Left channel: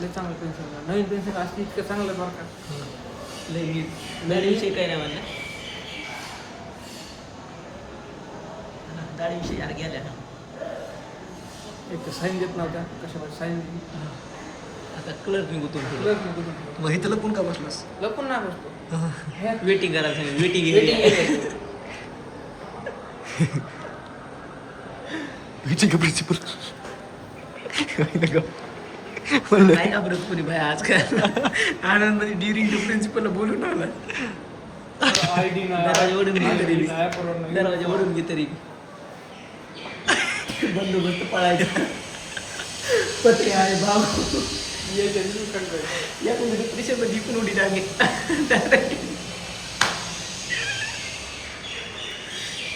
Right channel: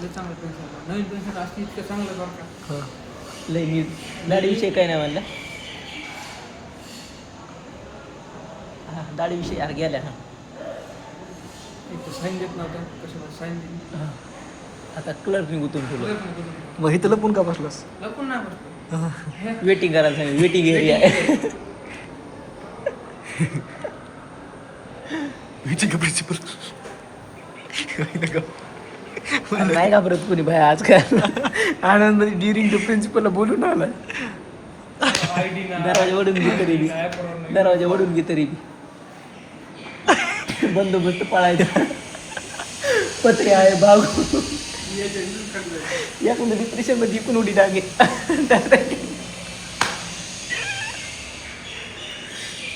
लय चांगलं पेन्शन नवीन पेन्शन असते इतकं चांगलं बरं का. हां लय नीट दाढीविषयी काय नाही म्हणलं. दाढीविषयी यार गेल्या एक तर साईन देत नव्हता कशाला साईन दिली आता कलर निघू तुम्ही लय नको तुला. मग इथं लपून का बसलास? लपून नाही बसतो. वेटिंग करायला सांगितलं वेटिंग एरिया आहे. विचार का प्रिन्सिपल नाही घाबरत कोणी भाई आजकाल. आनंद डिरिंग द प्रिन्सिपलला बोलून आलाय. आयडी ना दरवाजा वडून घे तरी बी. ॲप वरून नाही. दरवाजा वडून घे तरी बी. बंदोबस्त पाळायचा. पत्रे आहे बाबू याच्या घरी काढलंय. या कोणी डिप्रेशनला जिंकून उडी टाकली.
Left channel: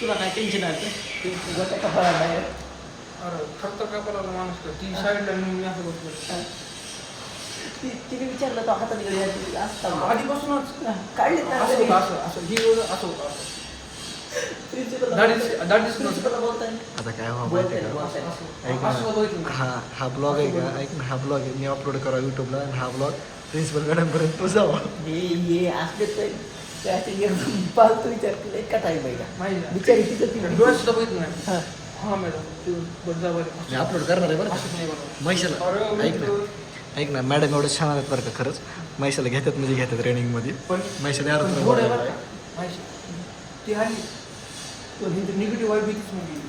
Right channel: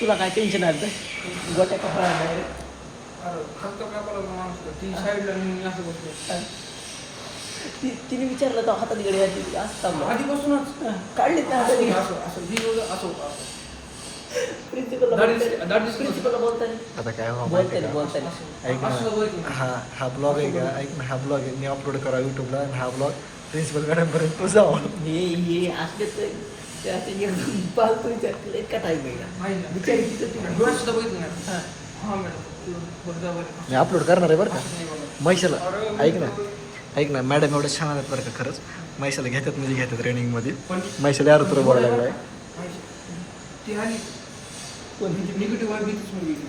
तुला काय टेन्शन आलं ते गटा कपाळा नाही. अरे खर्च काय करायला माणूस ती साईडला मी असं बसलो. तिने विचारलं तो हातात गडी असतात आधीपासूनच काढली असं असं ही एवढं असं प्रिन्सिपलला बोलताय. आता काय व्हावं माहिती आहे का? ऐक असं बघितलं. ना, हा ब्लॉग आहे का? ऐक ना, हा ब्लॉग आहे मी अपलोड करा यूट्यूबला आणि हा ब्लॉग प्रिन्सिपल मॅडमपर्यंत तो जावा. हे असले तर त्याचे एकदम पालतो विचार केला इतका टाईम आहे का माहिती बिचारी तिचं तिला डोळं सुद्धा बघितलं नाही. हां हा मॅडम बघा बरं. मी अपलोड करणार आहे बरं का नाही बनवलं. म्हैशाला. ऐक ना मॅडम एवढे छान आहेत बरं का खरंच. म्हैशाला घेतात म्हणजे घेतात ट्रेनिंगमध्ये. पण म्हैशाला यार तुला बोलाय बोलायला बरं का? नाही. ती आली निगेटिव्ह वाईब भीतीच मग गेली.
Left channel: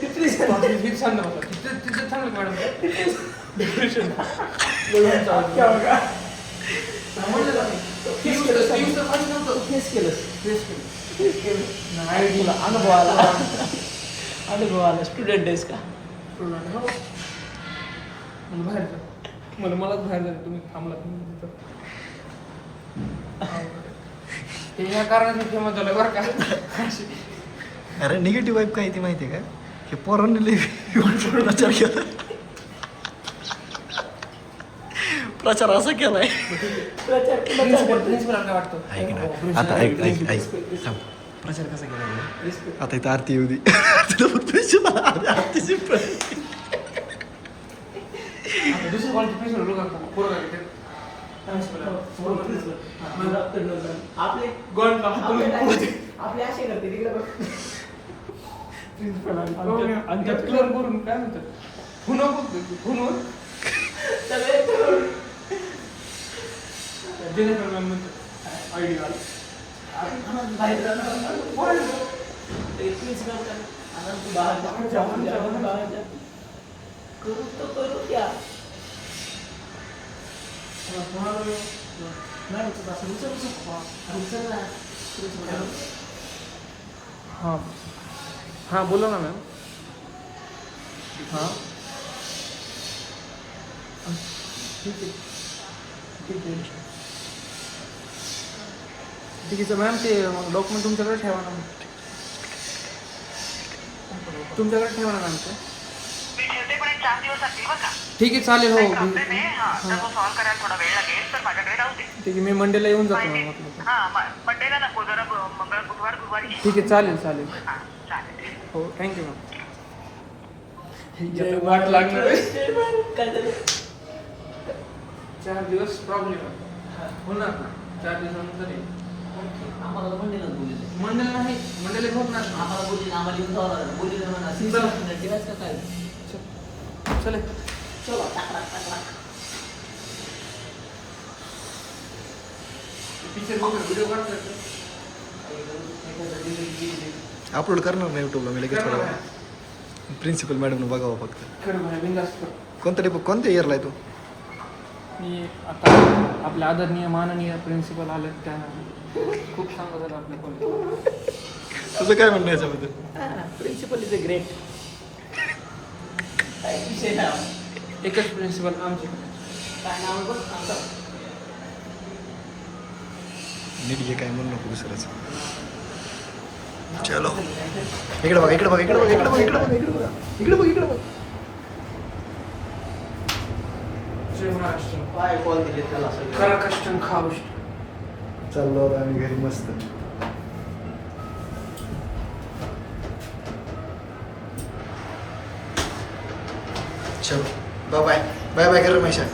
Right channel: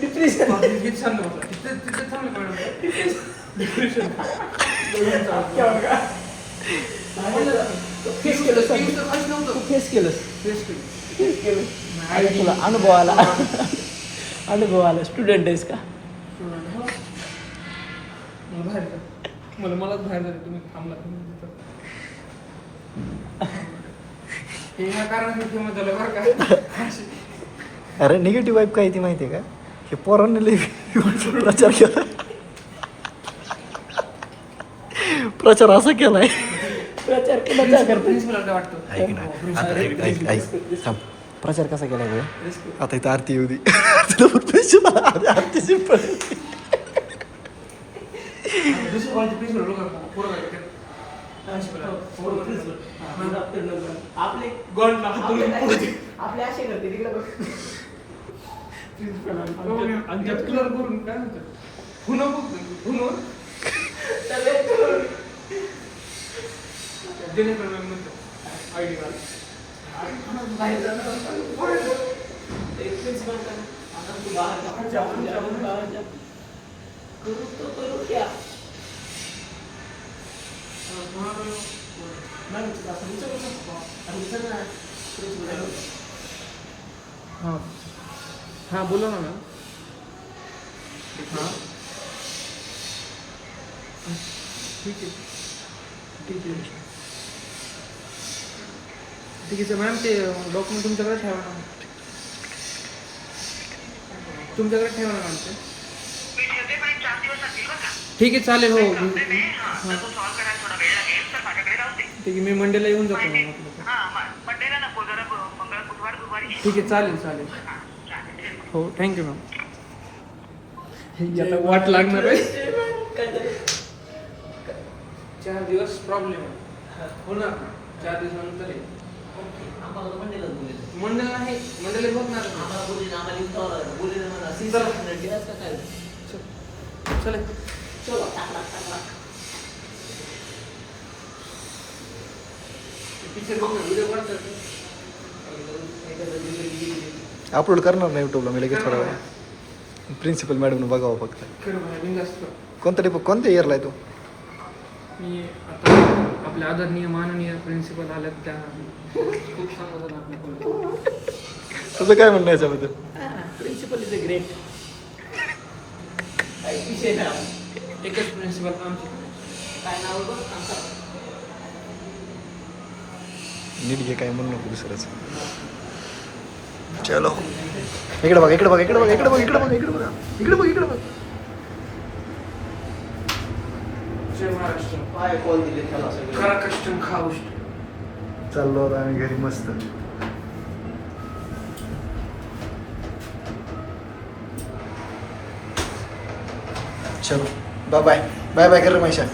डिप्रेशन हेच सांगतो बघा. तिथं थांबलं मॅडम. डिप्रेशन फेस केलं फेस केलं फेस केलं नाही तुला अनुभव आला स्टुडंट आहेस का बाहेर जा. मलाच बाहेर जायचं तुम्ही थांबला तिथं. हे ह्या कारणाने फेमस झालं बरं का. अरे निगेटिव्ह वाईब काय ती माहिती आहे का? हे पोरांनी लई प्रचार केला. प्रचार असा केला आहे. प्रचार प्रिन्सिपल काय वाटतं. ऐक ना आता ऐक थांब. प्रचार कसा केला गो? आता इथं आरती येऊ दे. तुला पण पैसे मला आरतीची पण दुसरं कोणतं प्रिन्सिपल लोक पोरं आपले गोल्ड आपले असे करते तिकडे प्रिन्सिपल आणि त्यात कलर करून काय म्हणतात फुनं बघतो फुनं दिनेश मॅम म्हणतात आयडी वाला बाहेर करू तर करू क्या हां हां बोला ना मॅम. हां ठीक आहे ठीक आहे ठीक आहे मॅम. ते डॉक्युमेंट तुमच्याकडे ठेवा ना. तुमच्याकडे ठेवा ना मॅम ते. ठीक आहे चालेल. हो हां ठीक आहे मी मंडेला येऊन जातो मॅम म्हटलं तर. ठीक आहे चालेल चालेल. हो थँक्यू मॅम. वाट लागणार आहे. 4 दिवस प्रॉब्लेम होणार ना. 4 दिवसानंतर मंडळ नाही मंडळ होत नाही. चले पिक्चर व्हिडिओ अपलोड करणार नाही यूट्यूबला मी लगेच थोड्या वेळा. प्रिन्सिपल मॅडमनं बघावं फक्त. कोणत्या इयरला आहे तो? मी आता आपल्या आदरणीय माननीय प्रिन्सिपल आले त्या खूप चांगलं झालं आपल्या कॉलेज. तुझं काय म्हणणं याच्याबद्दल? Principal is a great. एकच प्रिन्सिपल आमचे काय नाव बघ नीट घे काय म्हणू नको दुसरंच. चलो इकडे बघ इकडे बघ इकडे बघ इकडे बघ इकडे बघ इकडे बघ इकडे बघ इकडे बघ. जय महाराष्ट्र. काय कॉल दिले त्याला करा कष्ट खा गोष्ट. चाललो आता आम्ही घरी मस्त. चलो बाय बाय बाय बाय कर रमेशा